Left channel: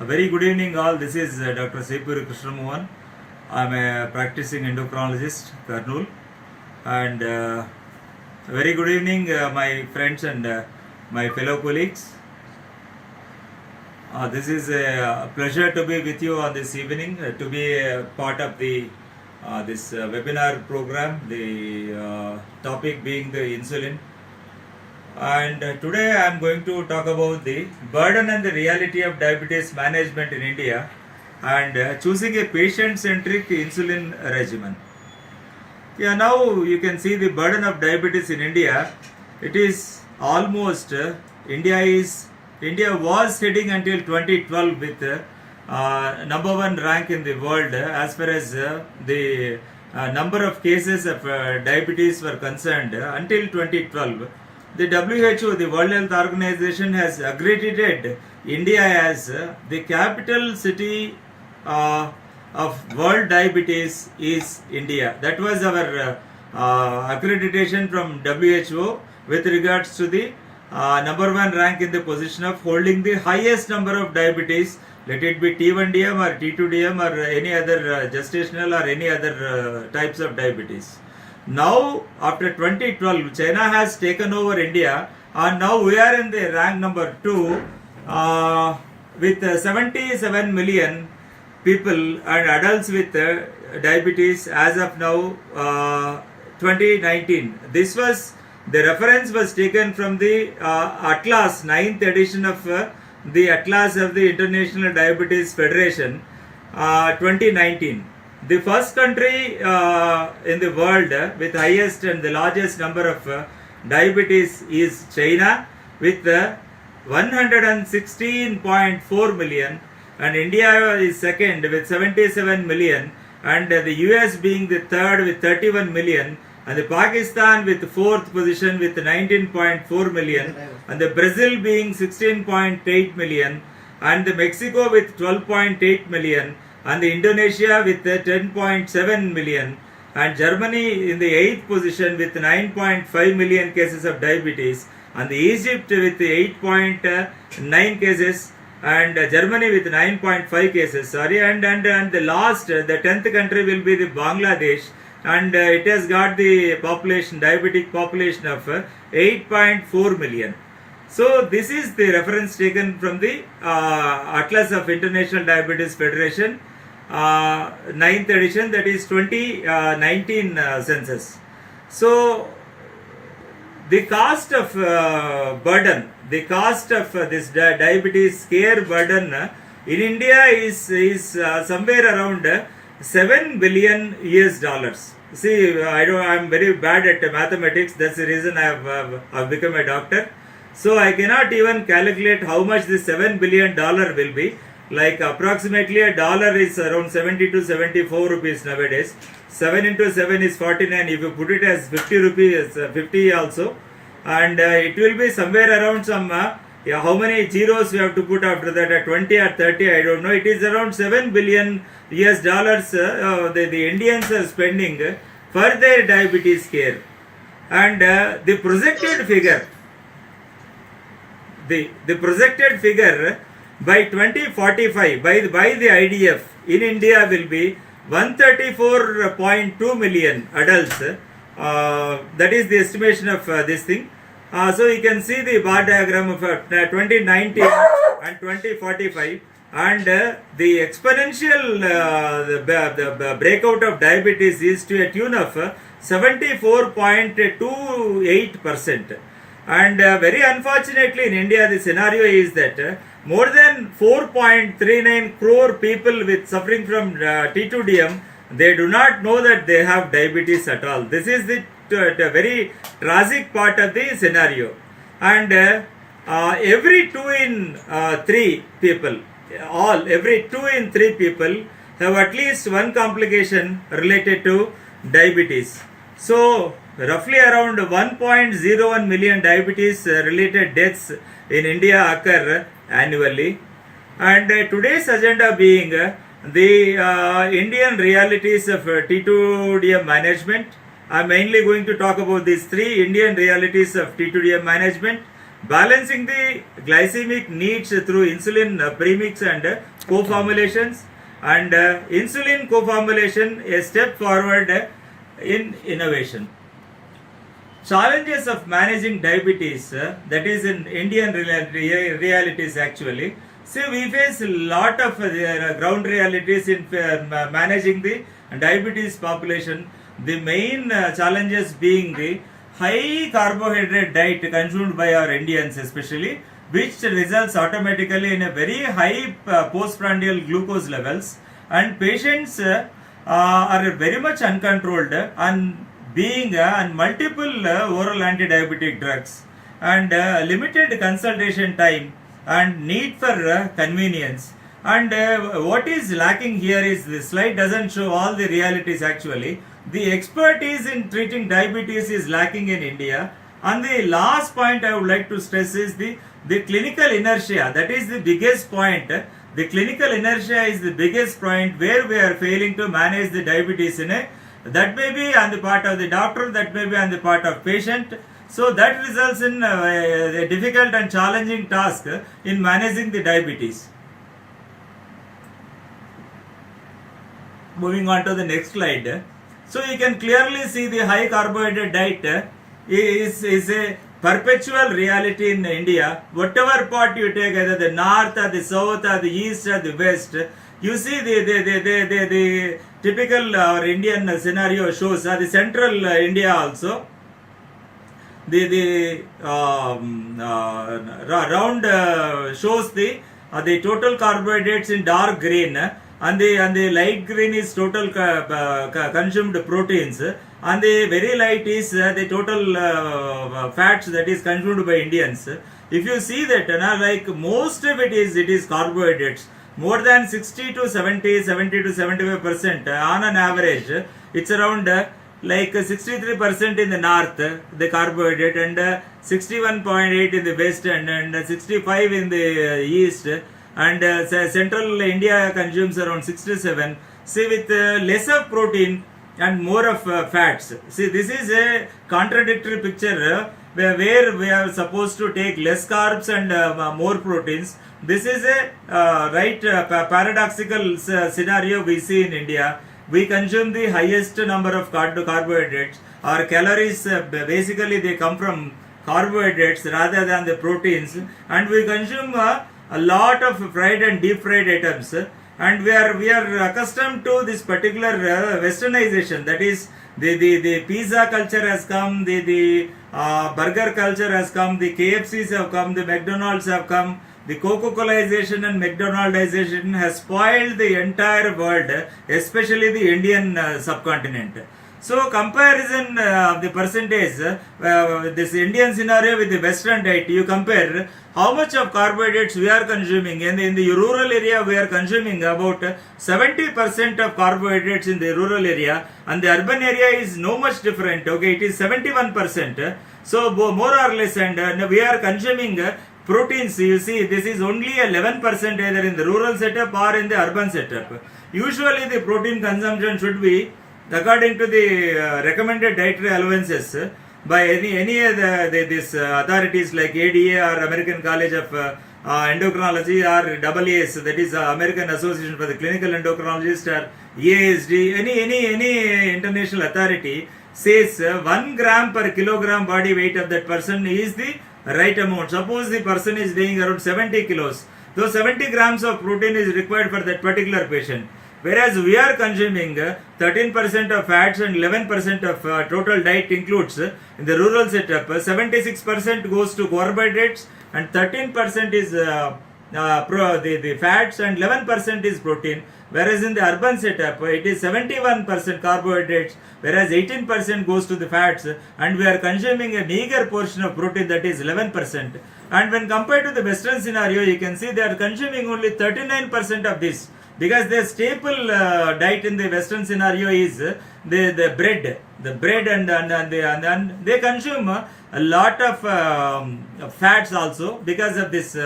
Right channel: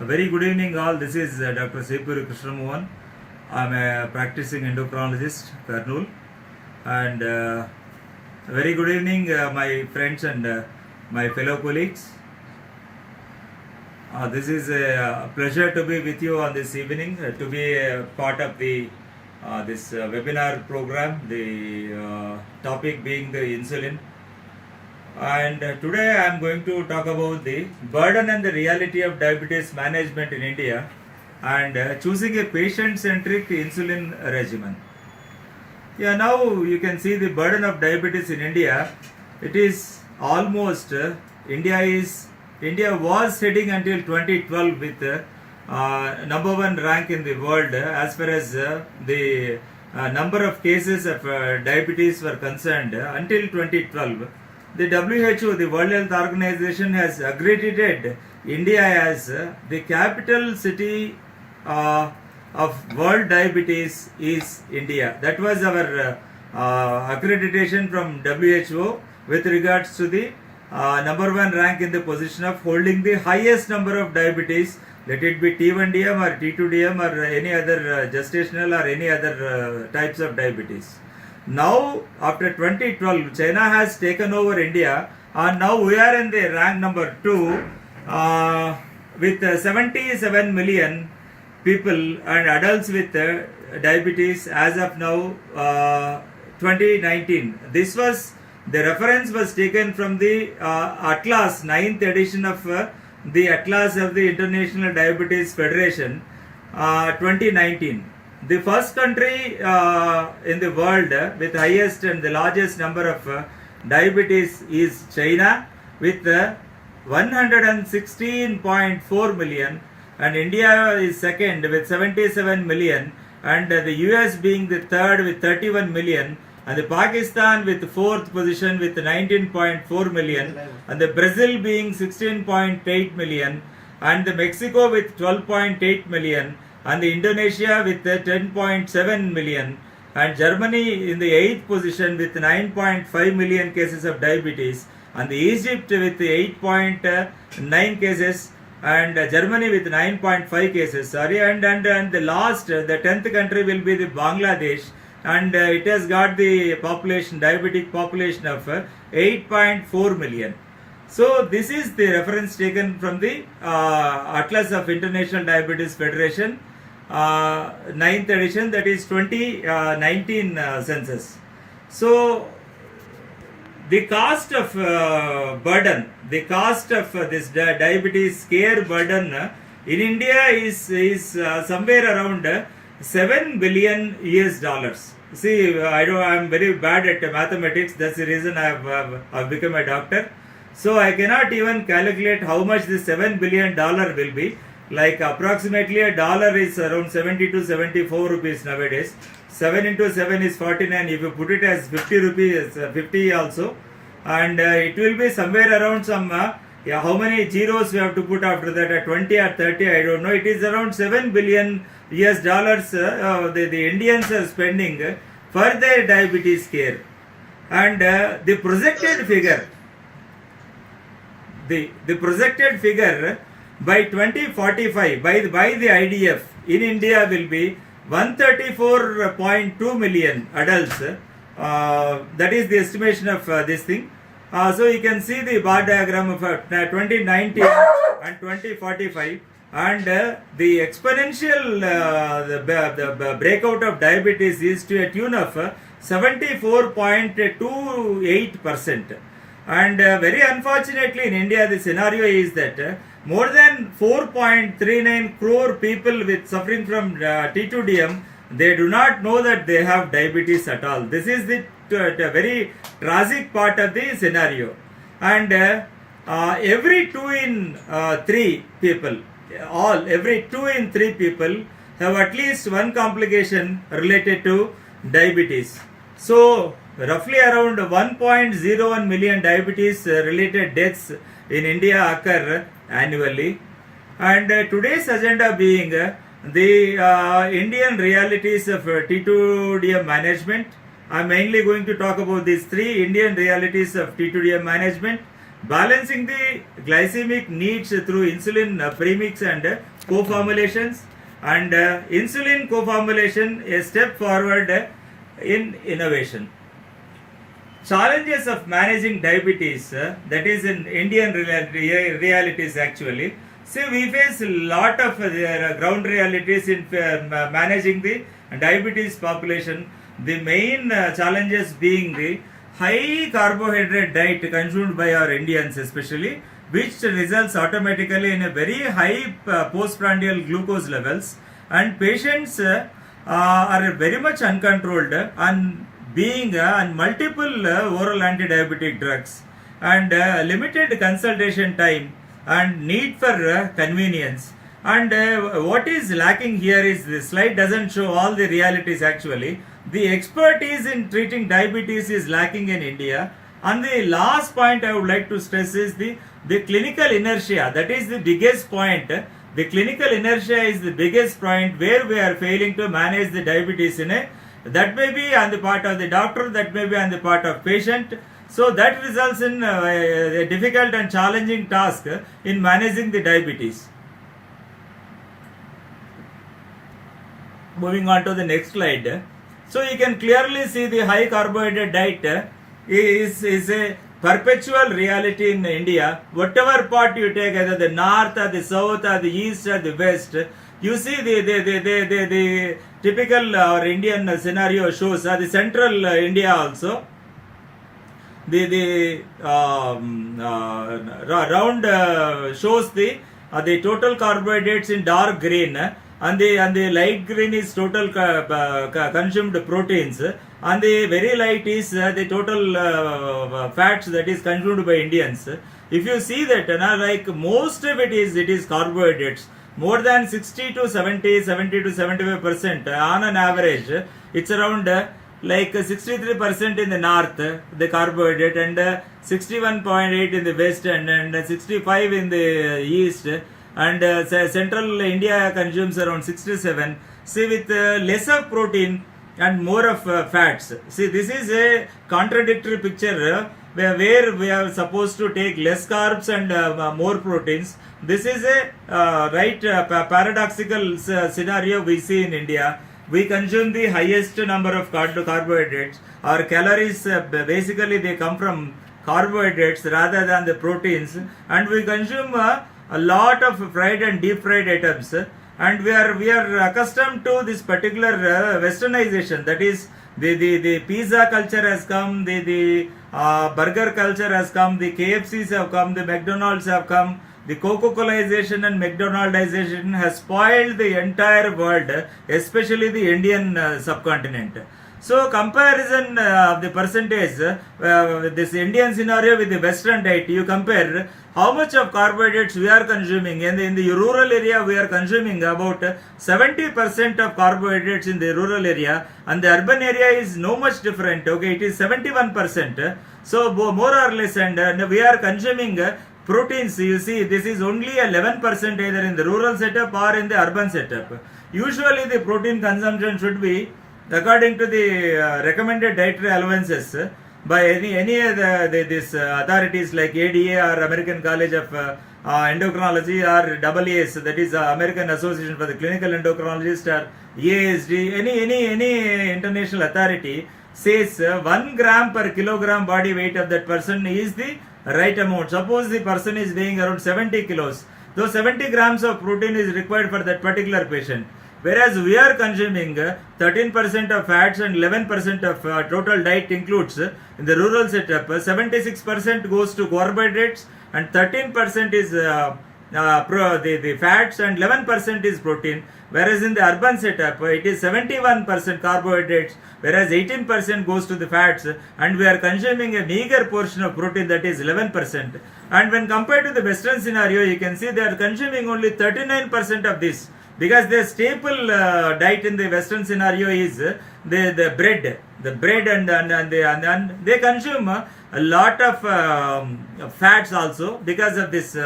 A very good evening, all. This is Dr. Sepuri Krishnamohan. I'm a practicing endocrinologist, Kurnool. And a very good evening, my friends and my fellow colleagues. This is a pleasure to be with you on this evening, to be a part of the this webinar program. The topic being the insulin. And today I am going to talk about the burden and the reality of diabetes management in India and choosing a patient-centric insulin regimen. Yeah, now you can see the burden of diabetes in India. It is almost India was heading until 2012 with number one rank in the world as far as the number of cases of diabetes were concerned until 2012. The WHO, the World Health Organization, has accredited India as the capital city of world diabetes is India. That was our accreditation from WHO with regards to the number one rank in the position of holding the highest number of diabetes, let it be T1DM or T2DM or any other gestational or any other types of diabetes. Now, after 2012, China has taken over India, and now we are in the rank number 2 with 77 million people and adults with diabetes as of now 2019. This was the reference was taken from the Atlas 9th edition of the Atlas of the International Diabetes Federation 2019. The first country in the world with highest and the largest number of diabetes is China with 116.4 million, and India is second with 77 million, and the US being the third with 31 million, and the Pakistan with fourth position with 19.4 million, and the Brazil being 16.8 million, and the Mexico with 12.8 million, and the Indonesia with 10.7 million, and Germany in the 8th position with 9.5 million cases of diabetes, and the Egypt with 8.9 cases, and Germany with 9.5 cases, and the last, the 10th country will be the Bangladesh, and it has got the population, diabetic population of 8.4 million. So this is the reference taken from the Atlas of International Diabetes Federation 9th edition, that is 2019 census. So the cost of burden, the cost of this diabetes care burden in India is somewhere around $7 billion US. See, I'm very bad at mathematics. That's the reason I've become a doctor. So I cannot even calculate how much this $7 billion will be. Like approximately a dollar is around 70 to 74 rupees nowadays. 7 into 7 is 49. If you put it as 50 rupees, 50 also. And it will be somewhere around some, how many zeros we have to put after that, 20 or 30, I don't know. It is around $7 billion US the Indians are spending for their diabetes care. And the projected figure, the projected figure by 2045 by the IDF in India will be 134.2 million adults. That is the estimation of this thing. So you can see the bar diagram of 2019 and 2045, and the exponential the breakout of diabetes is to a tune of 74.28%. And very unfortunately in India the scenario is that more than 4.39 crore people with suffering from T2DM, they do not know that they have diabetes at all. This is the very tragic part of the scenario. And every 2 in 3 people, every 2 in 3 people have at least one complication related to diabetes. So roughly around 1.01 million diabetes related deaths in India occur annually. And today's agenda being the Indian realities of T2DM management. I'm mainly going to talk about these 3 Indian realities of T2DM management, balancing the glycemic needs through insulin premix and co-formulations, and insulin co-formulation a step forward in innovation. Challenges of managing diabetes, that is in Indian realities actually. See, we face a lot of ground realities in managing the diabetes population. The main challenges being the high carbohydrate diet consumed by our Indians especially, which results automatically in a very high postprandial glucose levels, and patients are very much uncontrolled and being on multiple oral anti-diabetic drugs, and limited consultation time and need for convenience. And what is lacking here is the slide doesn't show all the realities actually. The expertise in treating diabetes is lacking in India. And the last point I would like to stress is the clinical inertia. That is the biggest point. The clinical inertia is the biggest point where we are failing to manage the diabetes in a, that may be on the part of the doctor, that may be on the part of patient. So that results in a difficult and challenging task in managing the diabetes. Moving on to the next slide. So you can clearly see the high carbohydrate diet is a perpetual reality in India. Whatever part you take, either the north or the south or the east or the west, you see the typical our Indian scenario shows the central India also. The round shows the total carbohydrates in dark green, and the light green is total consumed proteins, and the very light is the total fats that is consumed by Indians. If you see that, like most of it is carbohydrates. More than 60 to 70 to 75% on an average. It's around like 63% in the north, the carbohydrate, and 61.8 in the west, and 65 in the east, and central India consumes around 67. See, with less of protein and more of fats. See, this is a contradictory picture where we are supposed to take less carbs and more proteins. This is a paradoxical scenario we see in India. We consume the highest number of carbohydrates. Our calories basically they come from carbohydrates rather than the proteins, and we consume a lot of fried and deep fried items, and we are accustomed to this particular westernization. That is, the pizza culture has come, the burger culture has come, the KFCs have come, the McDonald's have come. The Coca-Colaization and McDonaldization has spoiled the entire world, especially the Indian subcontinent. So comparison of the percentage, this Indian scenario with the Western diet, you compare how much of carbohydrates we are consuming. In the rural area, we are consuming about 70% of carbohydrates in the rural area, and the urban area is no much different. Okay, it is 71%. So more or less, and we are consuming proteins. You see, this is only 11% either in the rural setup or in the urban setup. Usually the protein consumption should be according to the recommended dietary allowances by any of these authorities like ADA or American College of Endocrinology or AAS, that is American Association for the Clinical Endocrinologist, or EASD, any international authority says 1 gram per kilogram body weight of that person is the right amount. Suppose the person is weighing around 70 kilos, those 70 grams of protein is required for that particular patient. Whereas we are consuming 13% of fats and 11% of total diet includes in the rural setup. 76% goes to carbohydrates and 13% is the fats and 11% is protein. Whereas in the urban setup, it is 71% carbohydrates, whereas 18% goes to the fats, and we are consuming a meager portion of protein, that is 11%. And when compared to the Western scenario, you can see they are consuming only 39% of this, because the staple diet in the Western scenario is the bread, and they consume a lot of fats also, because of this.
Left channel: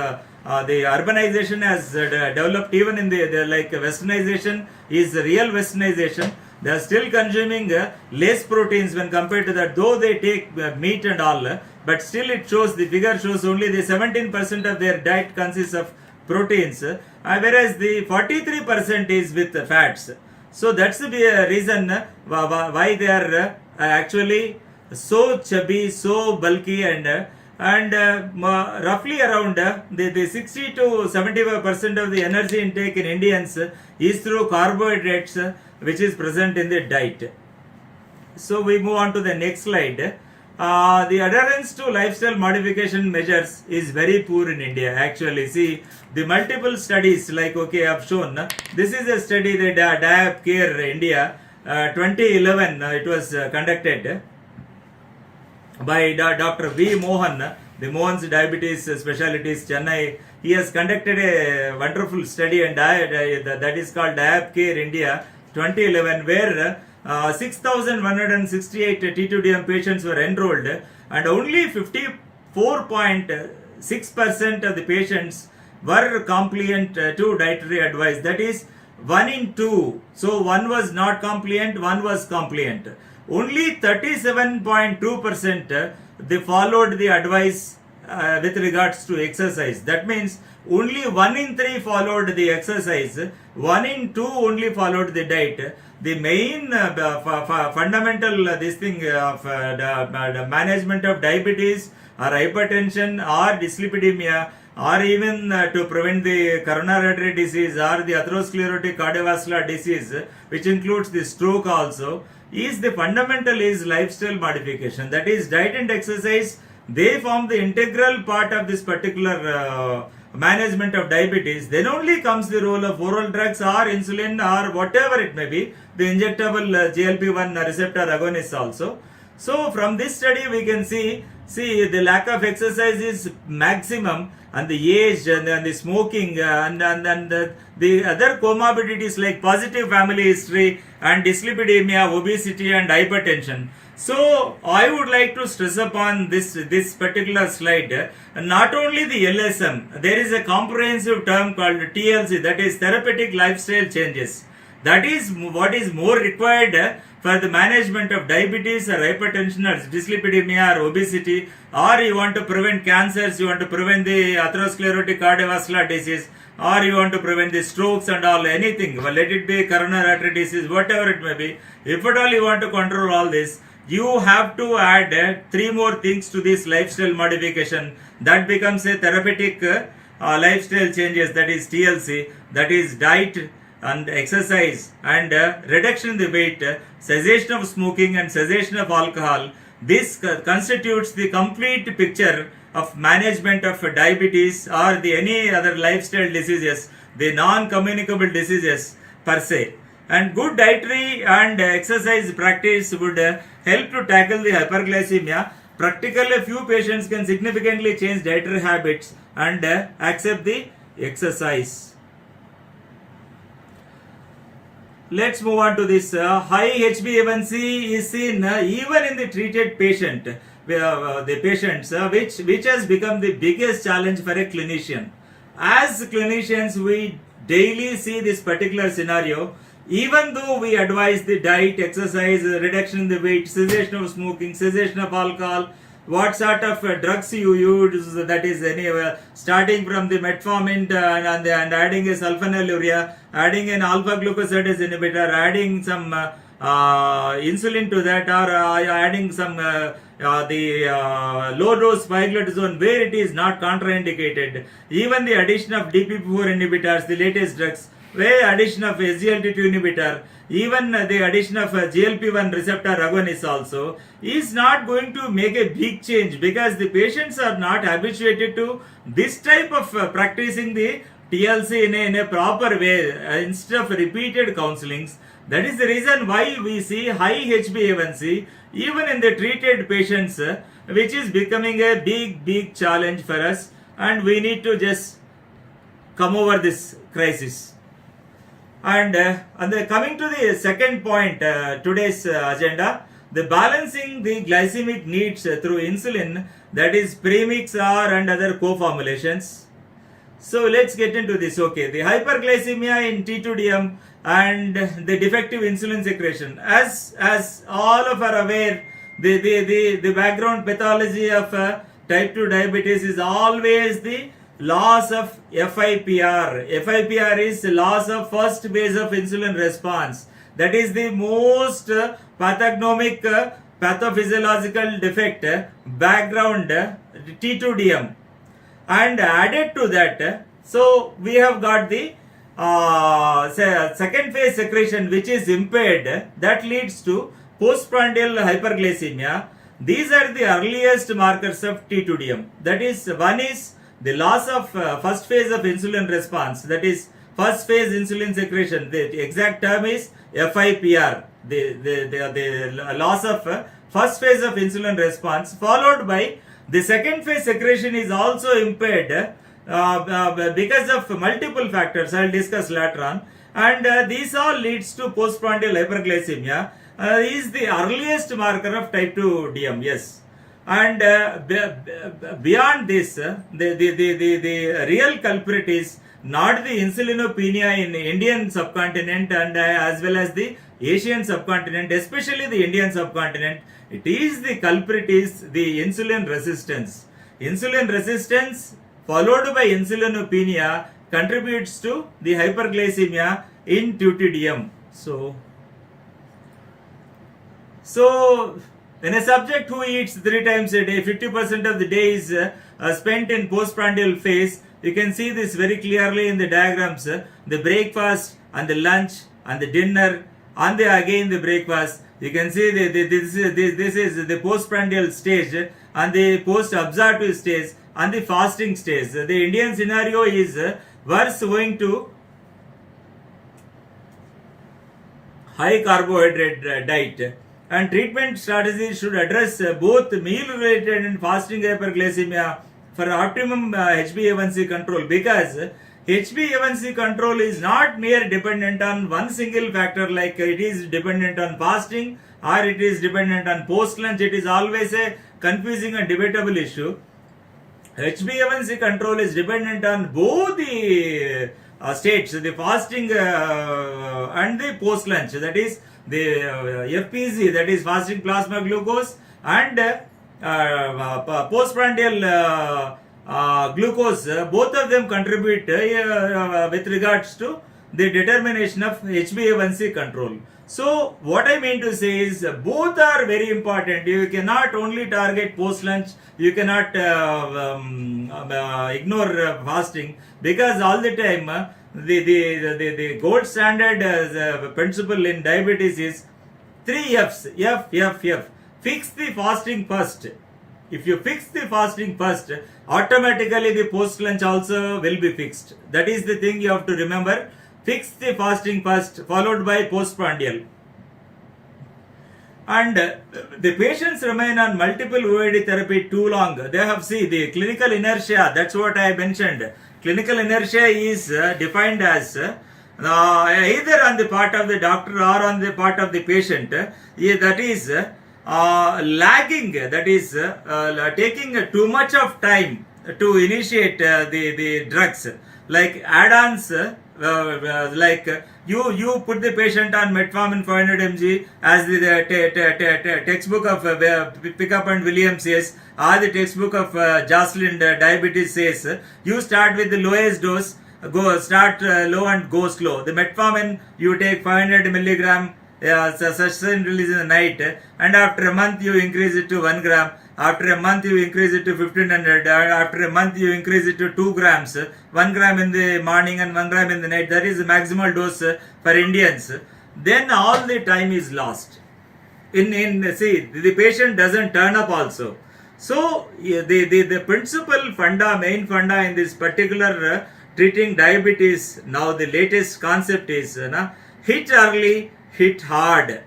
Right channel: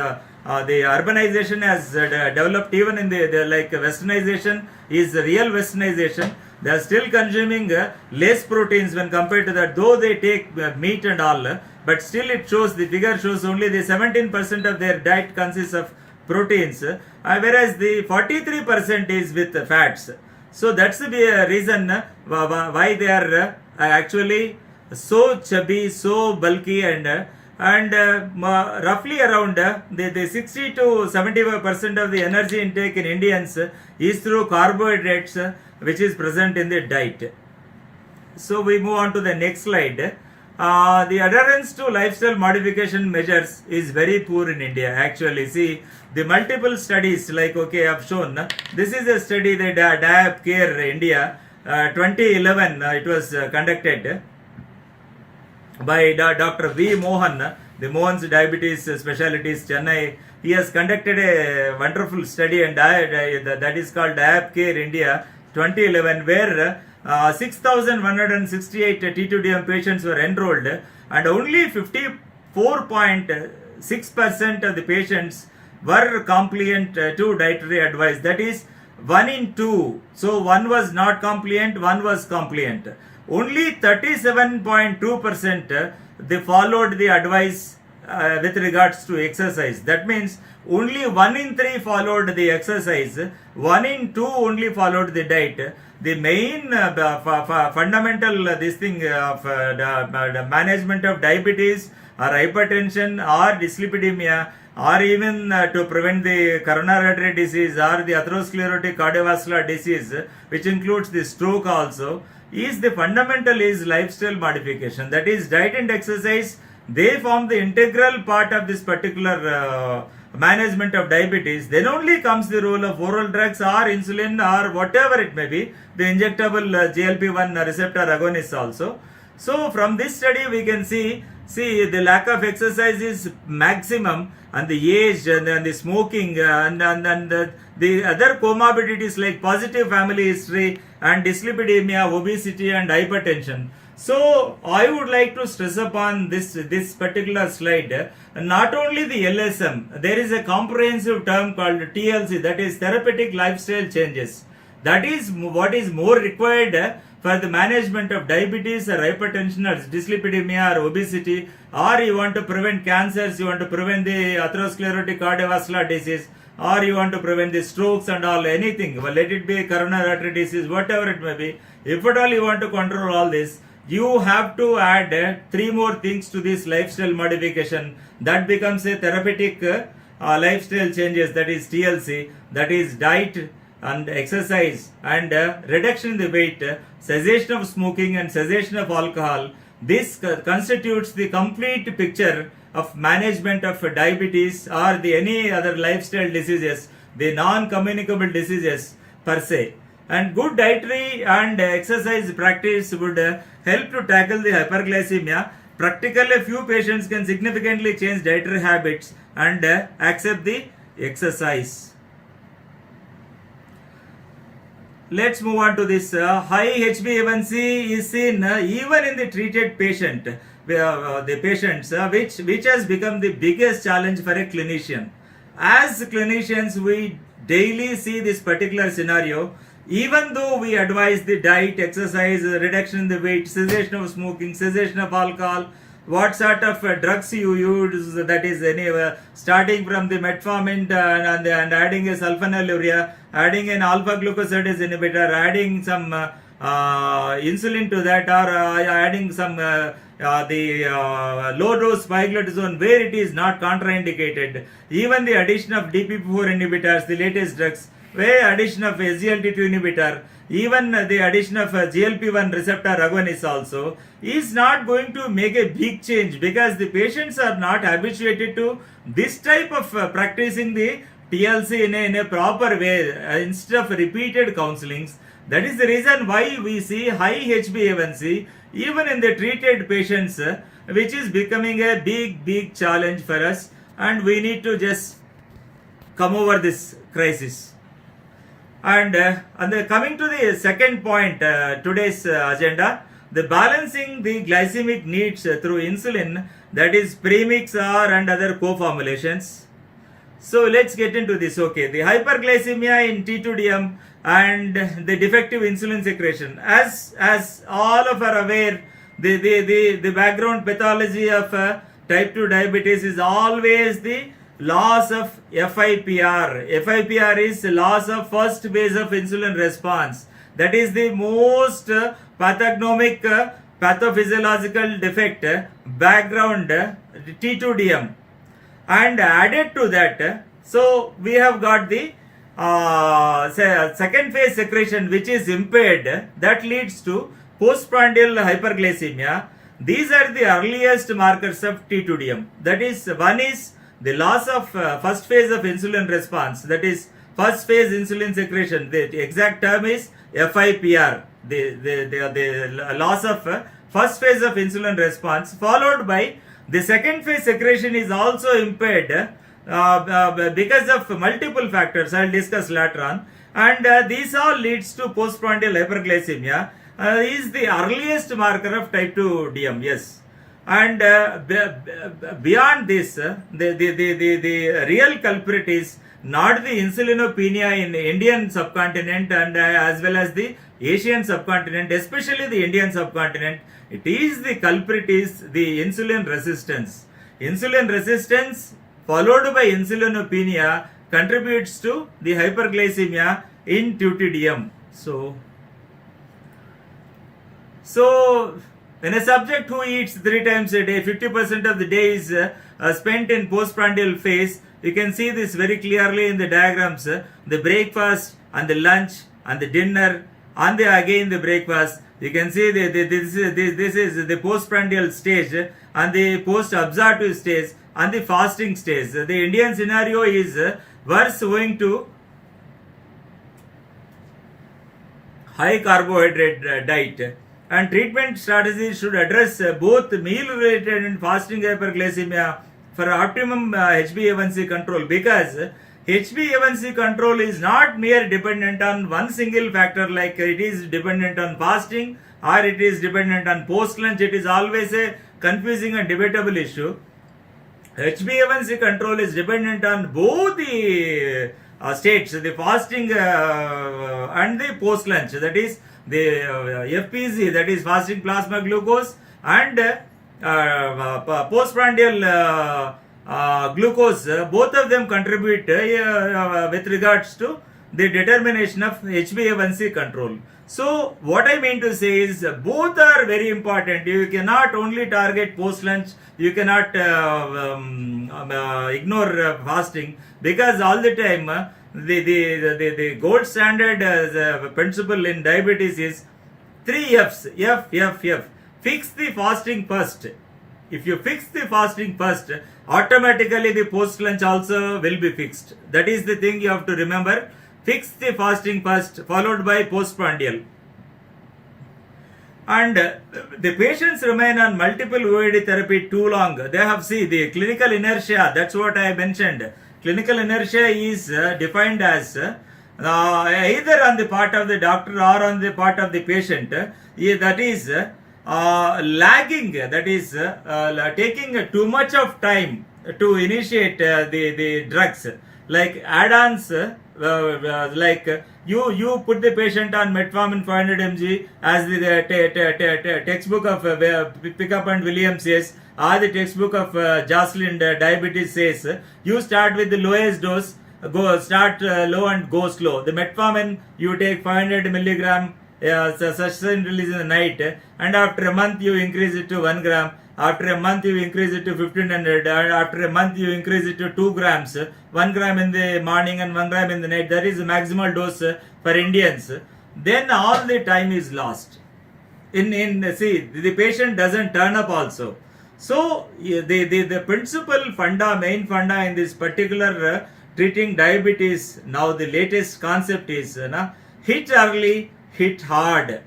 The urbanization has developed. Even in the like westernization is real westernization. They are still consuming less proteins when compared to that, though they take meat and all, but still it shows, the figure shows only the 17% of their diet consists of proteins, whereas the 43% is with fats. So that's the reason why they are actually so chubby, so bulky, and roughly around the 60 to 75% of the energy intake in Indians is through carbohydrates, which is present in the diet. So we move on to the next slide. The adherence to lifestyle modification measures is very poor in India. Actually, see the multiple studies, like I've shown. This is a study that Diab Care India 2011 it was conducted by Dr. V. Mohan, the Mohan's Diabetes Specialties Chennai. He has conducted a wonderful study, and that is called Diab Care India 2011, where 6,168 T2DM patients were enrolled, and only 54.6% of the patients were compliant to dietary advice. That is 1 in 2. So one was not compliant, one was compliant. Only 37.2% they followed the advice with regards to exercise. That means only 1 in 3 followed the exercise, 1 in 2 only followed the diet. The main fundamental this thing of the management of diabetes or hypertension or dyslipidemia, or even to prevent the coronary artery disease or the atherosclerotic cardiovascular disease, which includes the stroke also, is the fundamental is lifestyle modification. That is diet and exercise. They form the integral part of this particular management of diabetes. Then only comes the role of oral drugs or insulin or whatever it may be, the injectable GLP-1 receptor agonists also. So from this study we can see the lack of exercise is maximum, and the age and the smoking and the other comorbidities like positive family history and dyslipidemia, obesity and hypertension. So I would like to stress upon this particular slide. Not only the LSM, there is a comprehensive term called TLC, that is therapeutic lifestyle changes. That is what is more required for the management of diabetes or hypertension or dyslipidemia or obesity, or you want to prevent cancers, you want to prevent the atherosclerotic cardiovascular disease, or you want to prevent the strokes and all, anything, well, let it be coronary artery disease, whatever it may be. If at all you want to control all this, you have to add 3 more things to this lifestyle modification. That becomes a therapeutic lifestyle changes, that is TLC, that is diet and exercise and reduction in the weight, cessation of smoking and cessation of alcohol. This constitutes the complete picture of management of diabetes or the any other lifestyle diseases, the non-communicable diseases per se. And good dietary and exercise practice would help to tackle the hyperglycemia. Practically, a few patients can significantly change dietary habits and accept the exercise. Let's move on to this. High HbA1c is seen even in the treated patient, the patients, which has become the biggest challenge for a clinician. As clinicians, we daily see this particular scenario. Even though we advise the diet, exercise, reduction in the weight, cessation of smoking, cessation of alcohol, what sort of drugs you use, that is starting from the metformin and adding a sulfonylurea, adding an alpha glucosidase inhibitor, adding some insulin to that, or adding some low dose pioglitazone where it is not contraindicated. Even the addition of DPP4 inhibitors, the latest drugs, where addition of SGLT2 inhibitor, even the addition of GLP-1 receptor agonist also is not going to make a big change, because the patients are not habituated to this type of practicing the TLC in a proper way instead of repeated counselings. That is the reason why we see high HbA1c even in the treated patients, which is becoming a big challenge for us, and we need to just come over this crisis. And coming to the second point, today's agenda, the balancing the glycemic needs through insulin, that is premix or and other co-formulations. So let's get into this. Okay, the hyperglycemia in T2DM and the defective insulin secretion. As all of are aware, the background pathology of type 2 diabetes is always the loss of FIPR. FIPR is loss of first phase of insulin response. That is the most pathognomic pathophysiological defect, background T2DM. And added to that, so we have got the second phase secretion which is impaired, that leads to postprandial hyperglycemia. These are the earliest markers of T2DM. That is, one is the loss of first phase of insulin response, that is first phase insulin secretion. The exact term is FIPR, the loss of first phase of insulin response, followed by the second phase secretion is also impaired because of multiple factors I will discuss later on, and these all leads to postprandial hyperglycemia. Is the earliest marker of type 2 DM, yes. And beyond this, the real culprit is not the insulinopenia in the Indian subcontinent and as well as the Asian subcontinent, especially the Indian subcontinent. It is the culprit is the insulin resistance. Insulin resistance followed by insulinopenia contributes to the hyperglycemia in TTDM. So when a subject who eats 3 times a day, 50% of the day is spent in postprandial phase. You can see this very clearly in the diagrams. The breakfast and the lunch and the dinner and again the breakfast. You can see this is the postprandial stage and the post-absorptive stage and the fasting stage. The Indian scenario is worse owing to high carbohydrate diet. And treatment strategies should address both meal-related and fasting hyperglycemia for optimum HbA1c control, because HbA1c control is not mere dependent on one single factor like it is dependent on fasting or it is dependent on post-lunch. It is always a confusing and debatable issue. HbA1c control is dependent on both the states, the fasting and the post-lunch, that is the FPC, that is fasting plasma glucose, and postprandial glucose, both of them contribute with regards to the determination of HbA1c control. So what I mean to say is both are very important. You cannot only target post-lunch, you cannot ignore fasting, because all the time the gold standard principle in diabetes is 3 F's. F. Fix the fasting first. If you fix the fasting first, automatically the post lunch also will be fixed. That is the thing you have to remember. Fix the fasting first, followed by postprandial. And the patients remain on multiple OAD therapy too long. They have the clinical inertia. That's what I mentioned. Clinical inertia is defined as either on the part of the doctor or on the part of the patient. That is lagging. That is taking too much of time to initiate the drugs. Like add-ons, like you put the patient on metformin 500 mg as the textbook of Pickup and Williams says, or the textbook of Jocelyn Diabetes says. You start with the lowest dose, start low and go slow. The metformin you take 500 milligram sustained release in the night, and after a month you increase it to 1 gram. After a month you increase it to 1500. After a month you increase it to 2 grams. 1 gram in the morning and 1 gram in the night. That is the maximal dose for Indians. Then all the time is lost. The patient doesn't turn up also. So the principal main funda in this particular treating diabetes, now the latest concept is hit early, hit hard.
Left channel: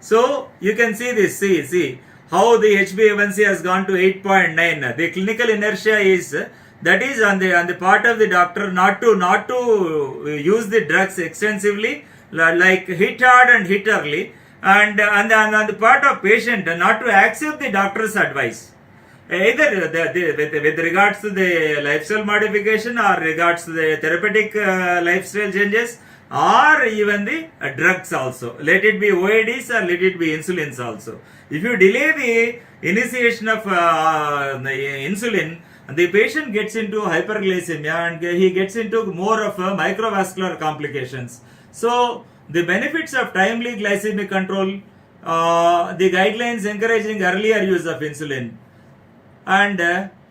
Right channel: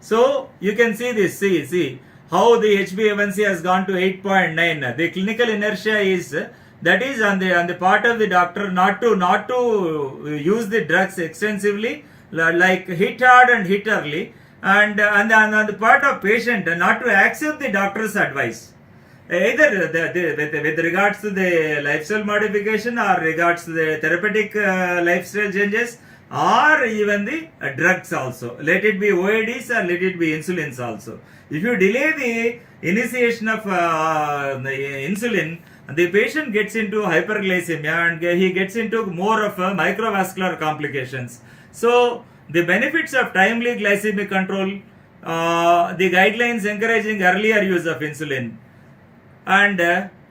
So you can see this, see how the HbA1c has gone to 8.9. The clinical inertia is, that is on the part of the doctor not to use the drugs extensively, like hit hard and hit early, and on the part of patient not to accept the doctor's advice, either with regards to the lifestyle modification or regards to the therapeutic lifestyle changes, or even the drugs also. Let it be OADs or let it be insulins also. If you delay the initiation of the insulin, the patient gets into hyperglycemia and he gets into more of microvascular complications. So the benefits of timely glycemic control, the guidelines encouraging earlier use of insulin, and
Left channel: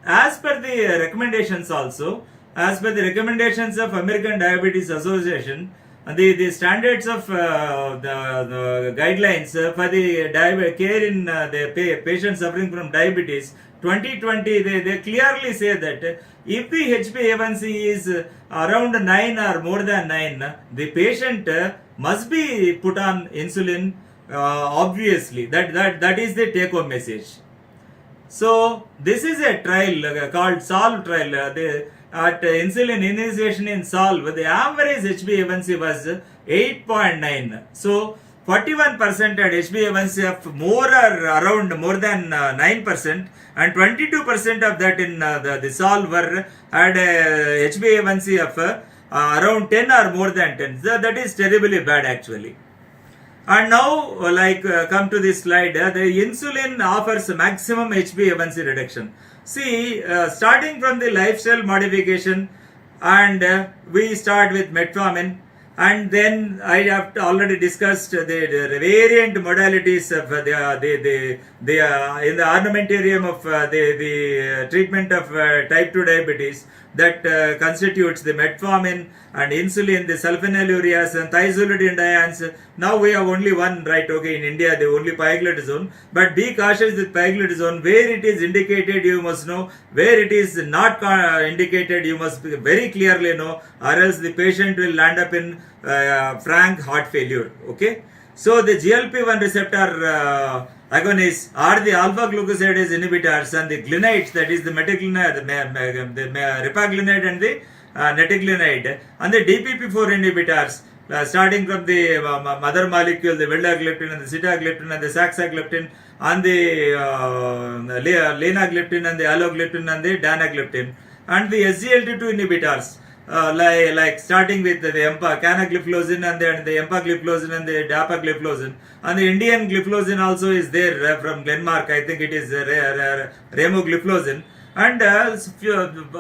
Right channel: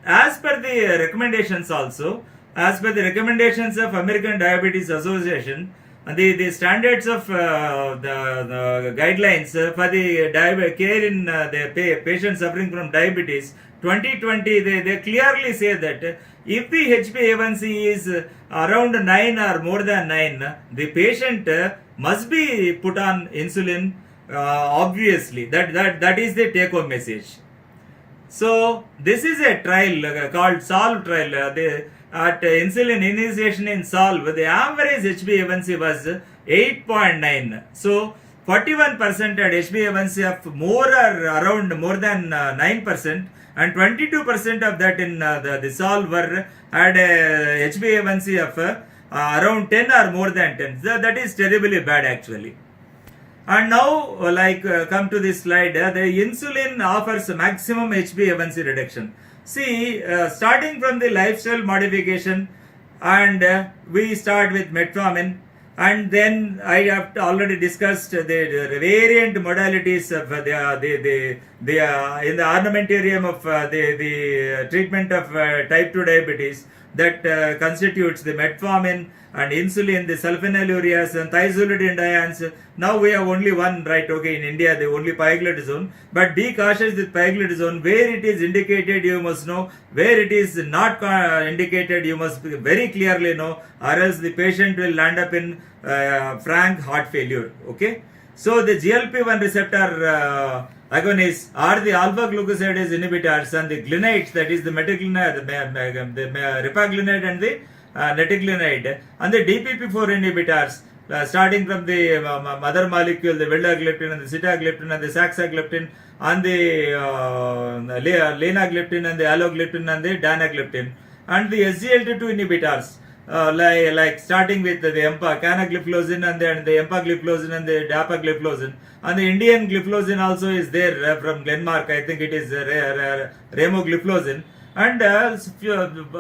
as per the recommendations also, as per the recommendations of American Diabetes Association, the standards of the guidelines for the care in the patients suffering from diabetes 2020, they clearly say that if the HbA1c is around 9 or more than 9, the patient must be put on insulin. Obviously, that is the take home message. So this is a trial called SOLVE trial. At insulin initiation in SOLVE, the average HbA1c was 8.9. So 41% had HbA1c of more or around more than 9%, and 22% of that in the SOLVE were had a HbA1c of around 10 or more than 10. So that is terribly bad actually. And now, come to this slide, the insulin offers maximum HbA1c reduction. See, starting from the lifestyle modification, and we start with metformin, and then I have already discussed the variant modalities of in the armamentarium of the treatment of type 2 diabetes that constitutes the metformin and insulin, the sulfonylureas and thiazolidinediones. Now we have only one, right? Okay, in India, the only pioglitazone. But be cautious with pioglitazone. Where it is indicated, you must know. Where it is not indicated, you must very clearly know, or else the patient will land up in frank heart failure. Okay. So the GLP-1 receptor agonists are the alpha glucosidase inhibitors and the glinides, that is the metaglinide, the ripaglinide and the netiglinide, and the DPP-4 inhibitors, starting from the mother molecule, the vildagliptin and the sitagliptin and the saxagliptin, and the linagliptin and the alogliptin and the danagliptin, and the SGLT2 inhibitors, like starting with the canagliflozin and the empagliflozin and the dapagliflozin, and the Indian gliflozin also is there from Glenmark. I think it is remogliflozin, and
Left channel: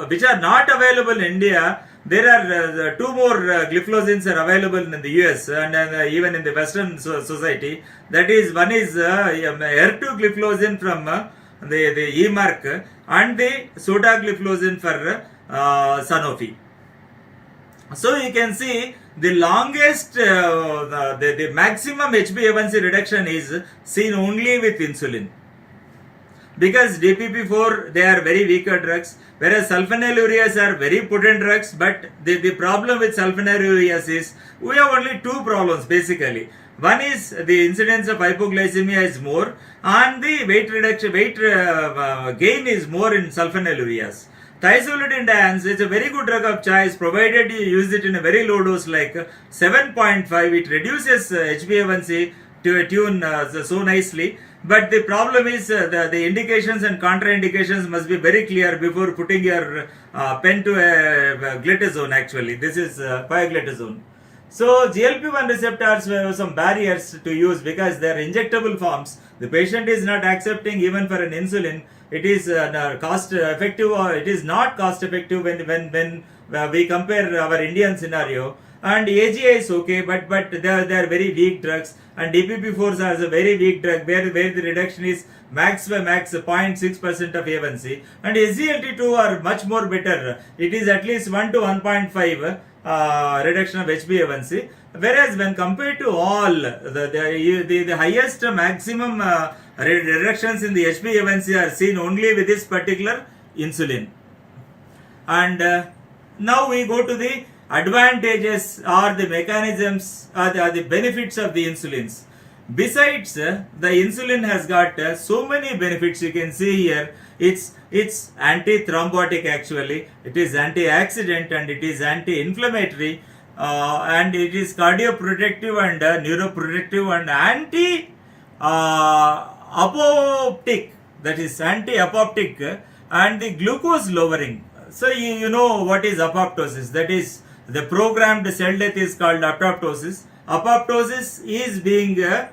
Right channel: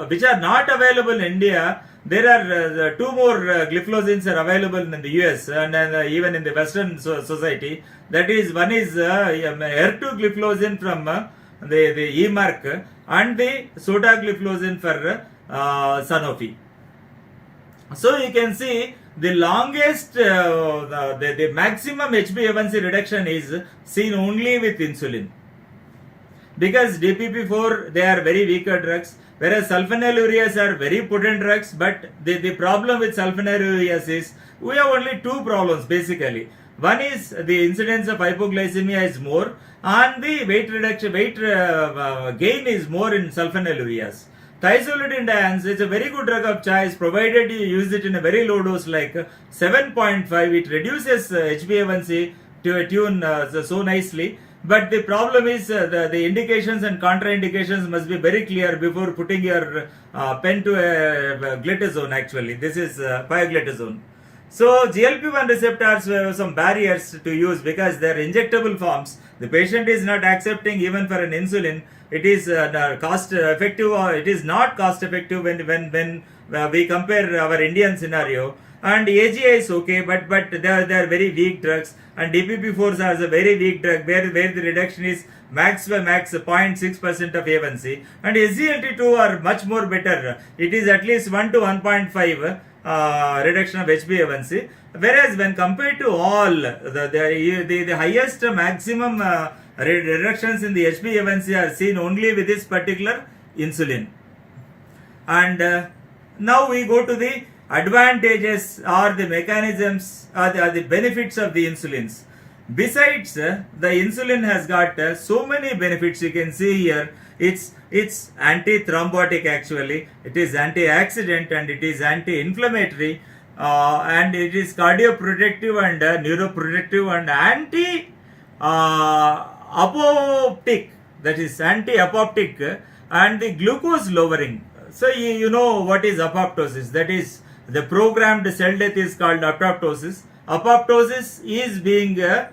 which are not available in India. There are two more gliflozins are available in the US and even in the Western society. That is, one is ertugliflozin from the EMark and the sotagliflozin for Sanofi. So you can see the longest, the maximum HbA1c reduction is seen only with insulin. Because DPP-4, they are very weaker drugs, whereas sulfonylureas are very potent drugs. But the problem with sulfonylureas is we have only two problems basically. One is the incidence of hypoglycemia is more, and the weight reduction, gain is more in sulfonylureas. Thiazolidinediones is a very good drug of choice provided you use it in a very low dose like 7.5. It reduces HbA1c to a tune so nicely. But the problem is the indications and contraindications must be very clear before putting your pen to a glitazone actually. This is pioglitazone. So GLP-1 receptors have some barriers to use because they are injectable forms. The patient is not accepting even for an insulin. It is cost effective, or it is not cost effective when we compare our Indian scenario. And AGI is okay, but they are very weak drugs. And DPP-4s are a very weak drug where the reduction is max 0.6% of A1C. And SGLT2 are much more better. It is at least 1 to 1.5 reduction of HbA1c. Whereas when compared to all the highest maximum reductions in the HbA1c are seen only with this particular insulin. And now we go to the advantages or the mechanisms or the benefits of the insulins. Besides, the insulin has got so many benefits. You can see here, it's anti-thrombotic actually, it is antioxidant and it is anti-inflammatory, and it is cardioprotective and neuroprotective and anti-apoptic, that is anti-apoptic, and the glucose lowering. So you know what is apoptosis, that is The programmed cell death is called apoptosis. Apoptosis is being reversed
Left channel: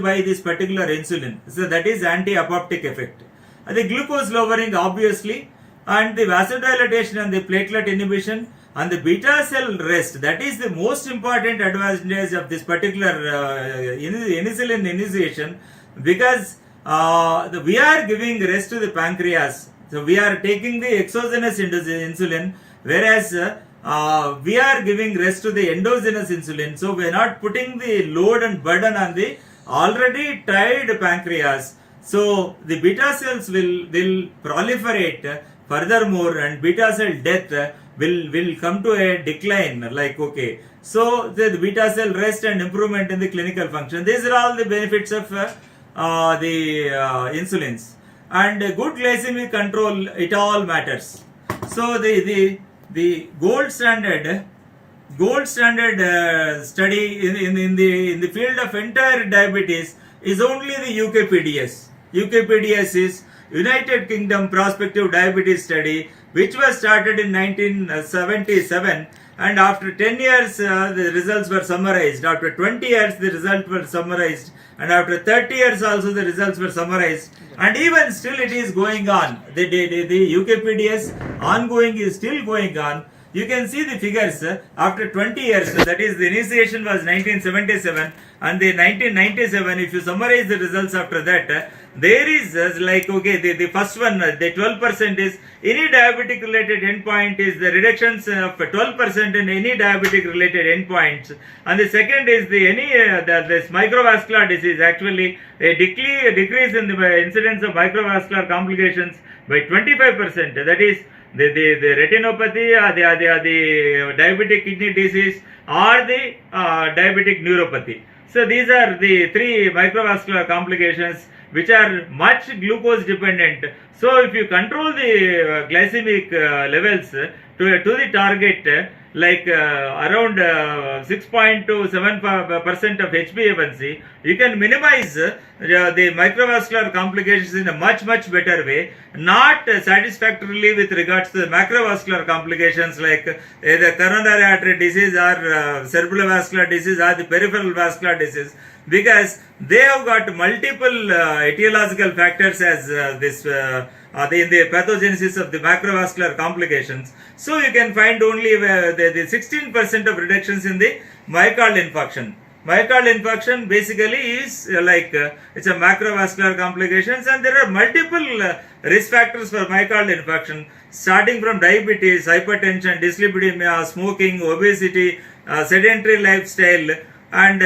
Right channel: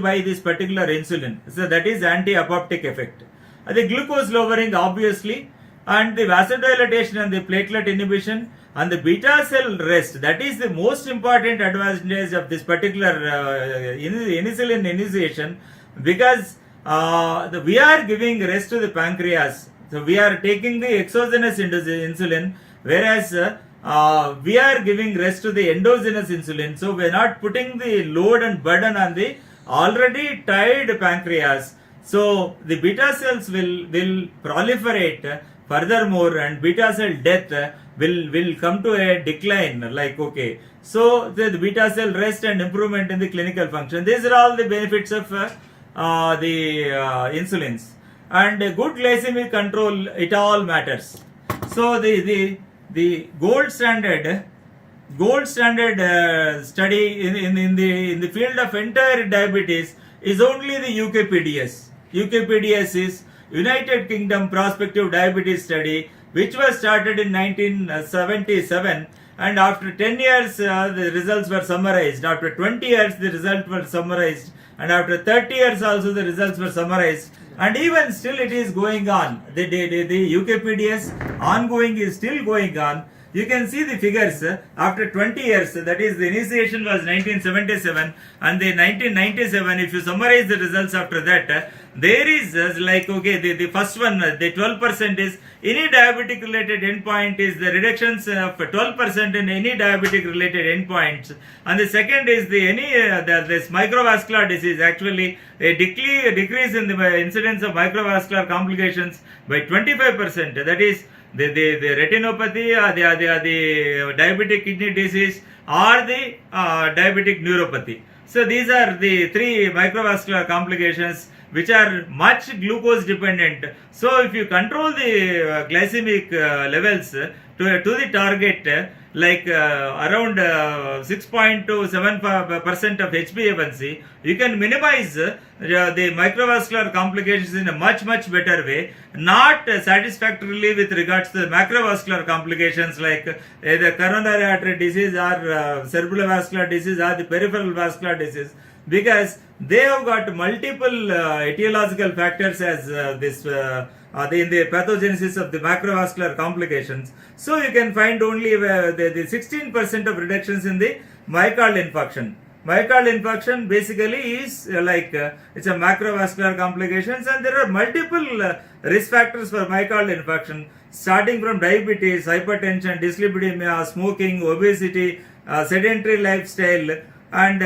by this particular insulin. So that is anti-apoptic effect. The glucose lowering obviously, and the vasodilatation and the platelet inhibition and the beta cell rest. That is the most important advantage of this particular insulin initiation, because we are giving rest to the pancreas. So we are taking the exogenous insulin, whereas we are giving rest to the endogenous insulin. So we are not putting the load and burden on the already tired pancreas. So the beta cells will proliferate furthermore, and beta cell death will come to a decline. Like, okay, so the beta cell rest and improvement in the clinical function. These are all the benefits of the insulins. And good glycemic control, it all matters. So the gold standard study in the field of entire diabetes is only the UKPDS. UKPDS is United Kingdom Prospective Diabetes Study, which was started in 1977, and after 10 years the results were summarized. After 20 years the results were summarized, and after 30 years also the results were summarized, and even still it is going on. The UKPDS ongoing is still going on. You can see the figures after 20 years, that is the initiation was 1977, and the 1997, if you summarize the results after that, there is like, okay, the first one, the 12% is any diabetic related endpoint is the reductions of 12% in any diabetic related endpoints, and the second is the this microvascular disease, actually a decrease in the incidence of microvascular complications by 25%. That is the retinopathy, the diabetic kidney disease, or the diabetic neuropathy. So these are the three microvascular complications which are much glucose dependent. So if you control the glycemic levels to the target, like around 6.2 to 7% of HbA1c, you can minimize the microvascular complications in a much better way. Not satisfactorily with regards to the macrovascular complications like the coronary artery disease or cerebral vascular disease or the peripheral vascular disease, because they have got multiple etiological factors as in the pathogenesis of the macrovascular complications. So you can find only the 16% of reductions in the myocardial infarction. Myocardial infarction basically is it's a macrovascular complications, and there are multiple risk factors for myocardial infarction, starting from diabetes, hypertension, dyslipidemia, smoking, obesity, sedentary lifestyle, and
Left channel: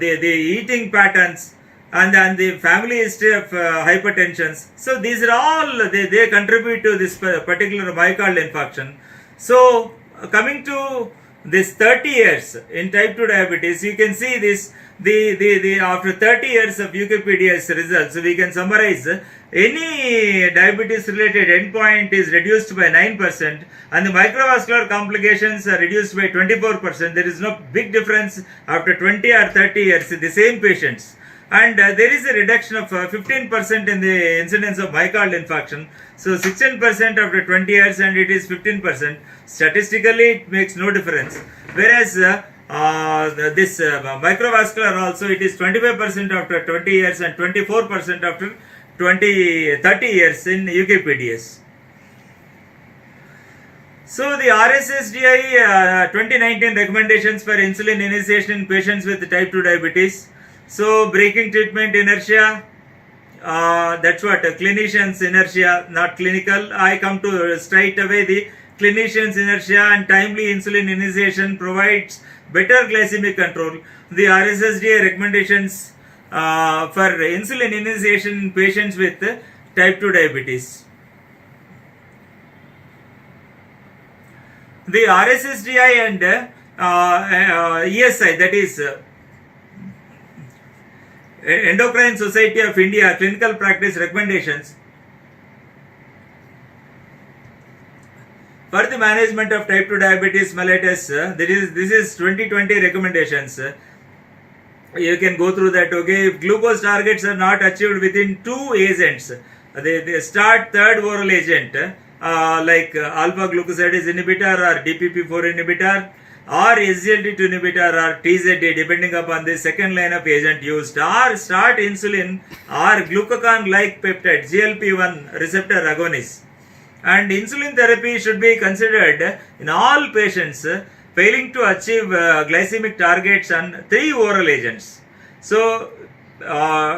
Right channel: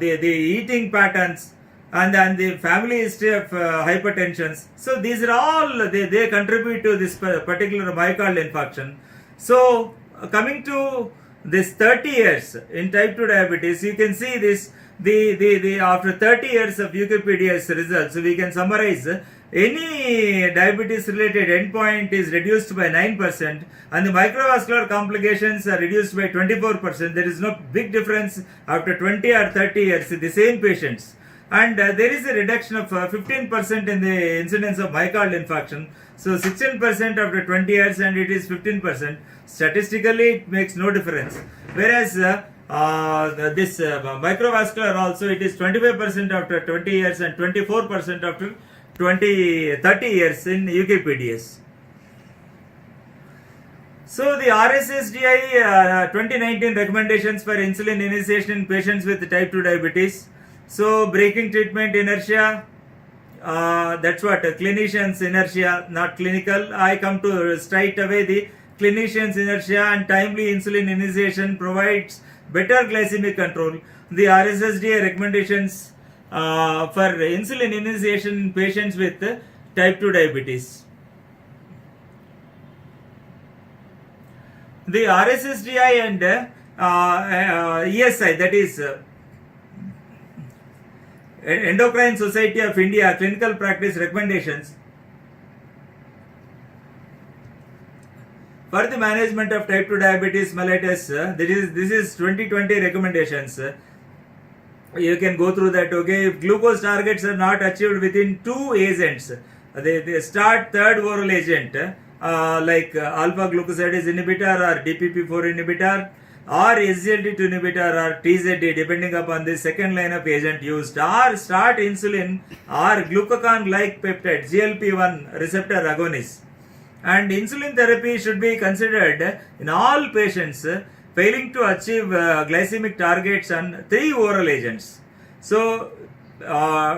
the eating patterns, and the family history of hypertension. So these are all, they contribute to this particular myocardial infarction. So coming to this 30 years in type 2 diabetes, you can see this, the after 30 years of UKPDS results, we can summarize any diabetes related endpoint is reduced by 9%, and the microvascular complications are reduced by 24%. There is no big difference after 20 or 30 years in the same patients. And there is a reduction of 15% in the incidence of myocardial infarction. So 16% after 20 years, and it is 15%. Statistically, it makes no difference. Whereas this microvascular also, it is 25% after 20 years and 24% after 30 years in UKPDS. So the RSSDI 2019 recommendations for insulin initiation in patients with type 2 diabetes. So breaking treatment inertia, that's what clinicians inertia, not clinical. I come to straight away the clinicians inertia, and timely insulin initiation provides better glycemic control. The RSSDI recommendations for insulin initiation in patients with type 2 diabetes. The RSSDI and ESI, that is Endocrine Society of India clinical practice recommendations for the management of type 2 diabetes mellitus. This is 2020 recommendations. You can go through that. Okay, if glucose targets are not achieved within 2 agents, they start third oral agent, like alpha glucosidase inhibitor or DPP4 inhibitor or SGLT2 inhibitor or TZD depending upon the second line of agent used, or start insulin or glucagon-like peptide GLP-1 receptor agonist. And insulin therapy should be considered in all patients failing to achieve glycemic targets on 3 oral agents. So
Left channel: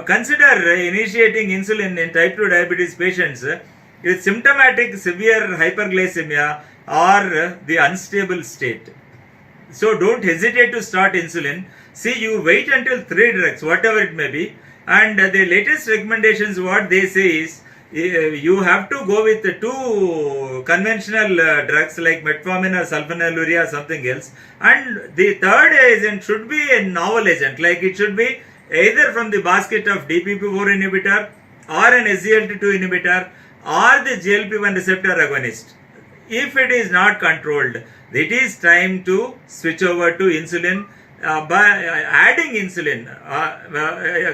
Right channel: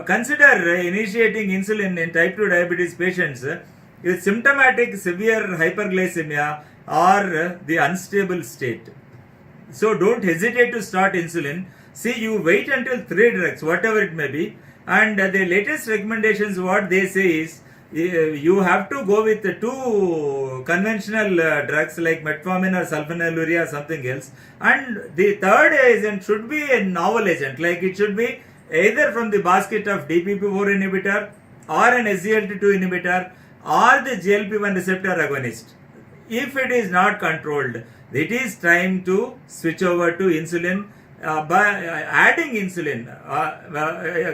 consider initiating insulin in type 2 diabetes patients with symptomatic severe hyperglycemia or the unstable state. So don't hesitate to start insulin. See, you wait until 3 drugs, whatever it may be, and the latest recommendations, what they say is you have to go with 2 conventional drugs like metformin or sulfonylurea or something else, and the third agent should be a novel agent, like it should be either from the basket of DPP4 inhibitor or an SGLT2 inhibitor or the GLP-1 receptor agonist. If it is not controlled, it is time to switch over to insulin by adding insulin,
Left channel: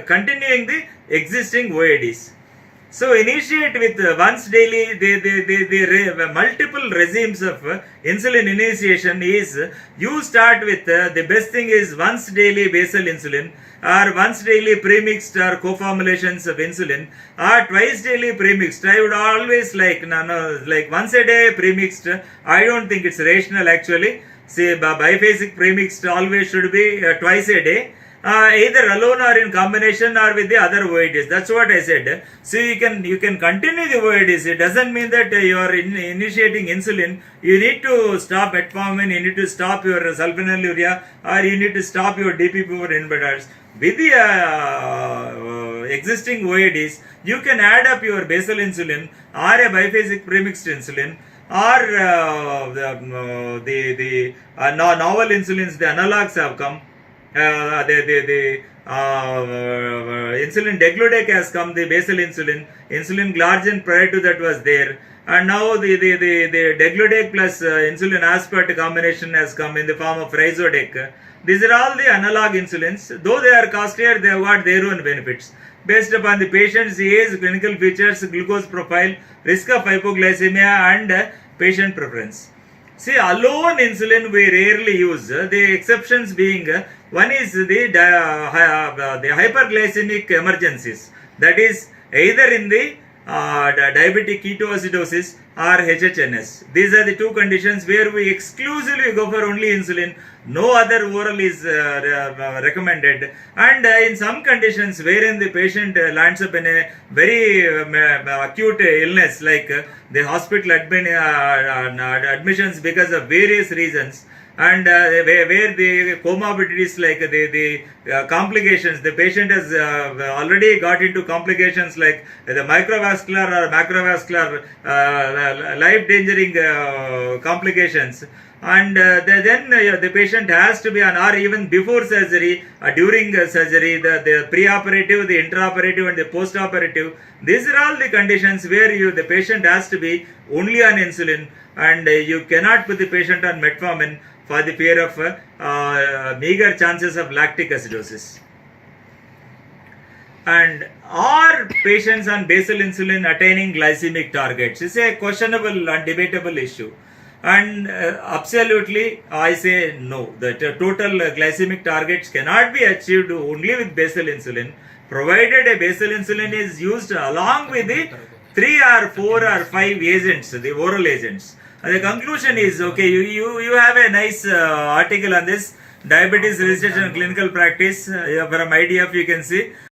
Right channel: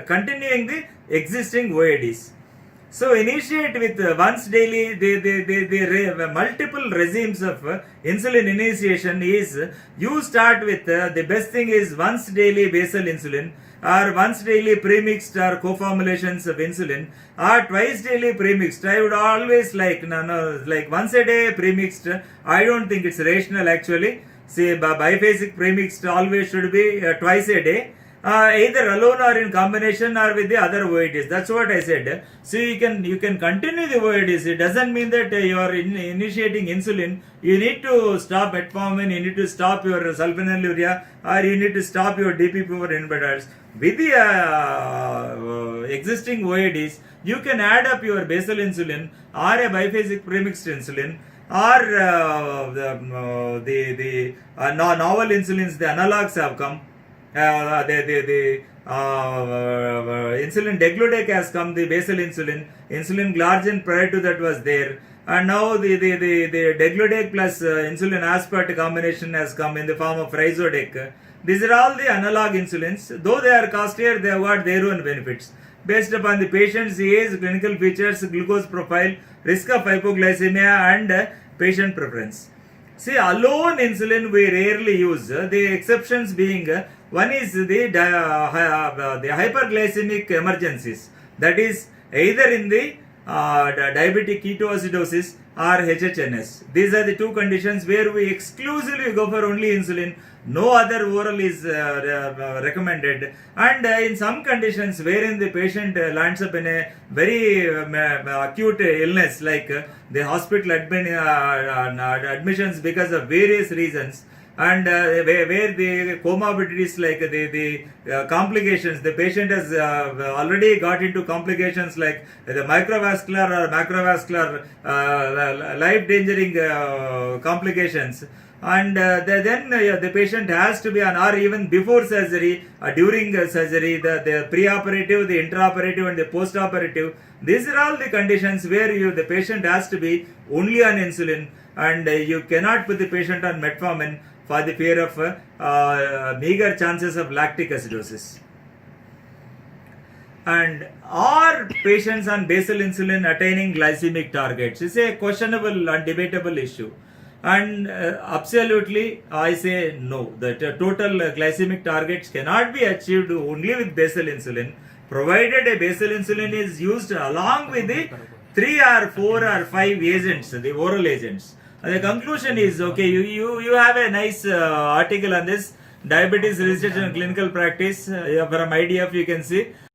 continuing the existing OADs. So initiate with once daily, the multiple regimes of insulin initiation is, you start with the best thing is once daily basal insulin, or once daily premixed or co-formulations of insulin, or twice daily premixed. I would always like once a day premixed. I don't think it's rational actually. See, biphasic premixed always should be twice a day. Either alone or in combination or with the other OADs. That's what I said. So you can continue the OADs. It doesn't mean that you are initiating insulin. You need to stop metformin, you need to stop your sulfonylurea, or you need to stop your DPP4 inhibitors. With the existing OADs, you can add up your basal insulin or a biphasic premixed insulin, or the novel insulins, the analogs have come. The insulin degludec has come, the basal insulin glargine prior to that was there, and now the degludec plus insulin aspart combination has come in the form of Rhizodec. These are all the analog insulins. Though they are costlier, they have got their own benefits based upon the patient's age, clinical features, glucose profile, risk of hypoglycemia, and patient preference. See, alone insulin we rarely use. The exceptions being, one is the hyperglycemic emergencies. That is either in the diabetic ketoacidosis or HHNS. These are the 2 conditions where we exclusively go for only insulin. No other oral is recommended. And in some conditions wherein the patient lands up in a very acute illness, like the hospital admissions because of various reasons, and where the comorbidities like the complications, the patient has already got into complications like the microvascular or macrovascular life-endangering complications, and then the patient has to be on, or even before surgery, during surgery, the pre-operative, the intraoperative, and the post-operative. These are all the conditions where the patient has to be only on insulin, and you cannot put the patient on metformin for the fear of meager chances of lactic acidosis. And are patients on basal insulin attaining glycemic targets? It's a questionable and debatable issue. And absolutely, I say no. The total glycemic targets cannot be achieved only with basal insulin, provided a basal insulin is used along with the 3 or 4 or 5 agents, the oral agents. And the conclusion is, okay, you have a nice article on this, diabetes research and clinical practice from IDF, you can see.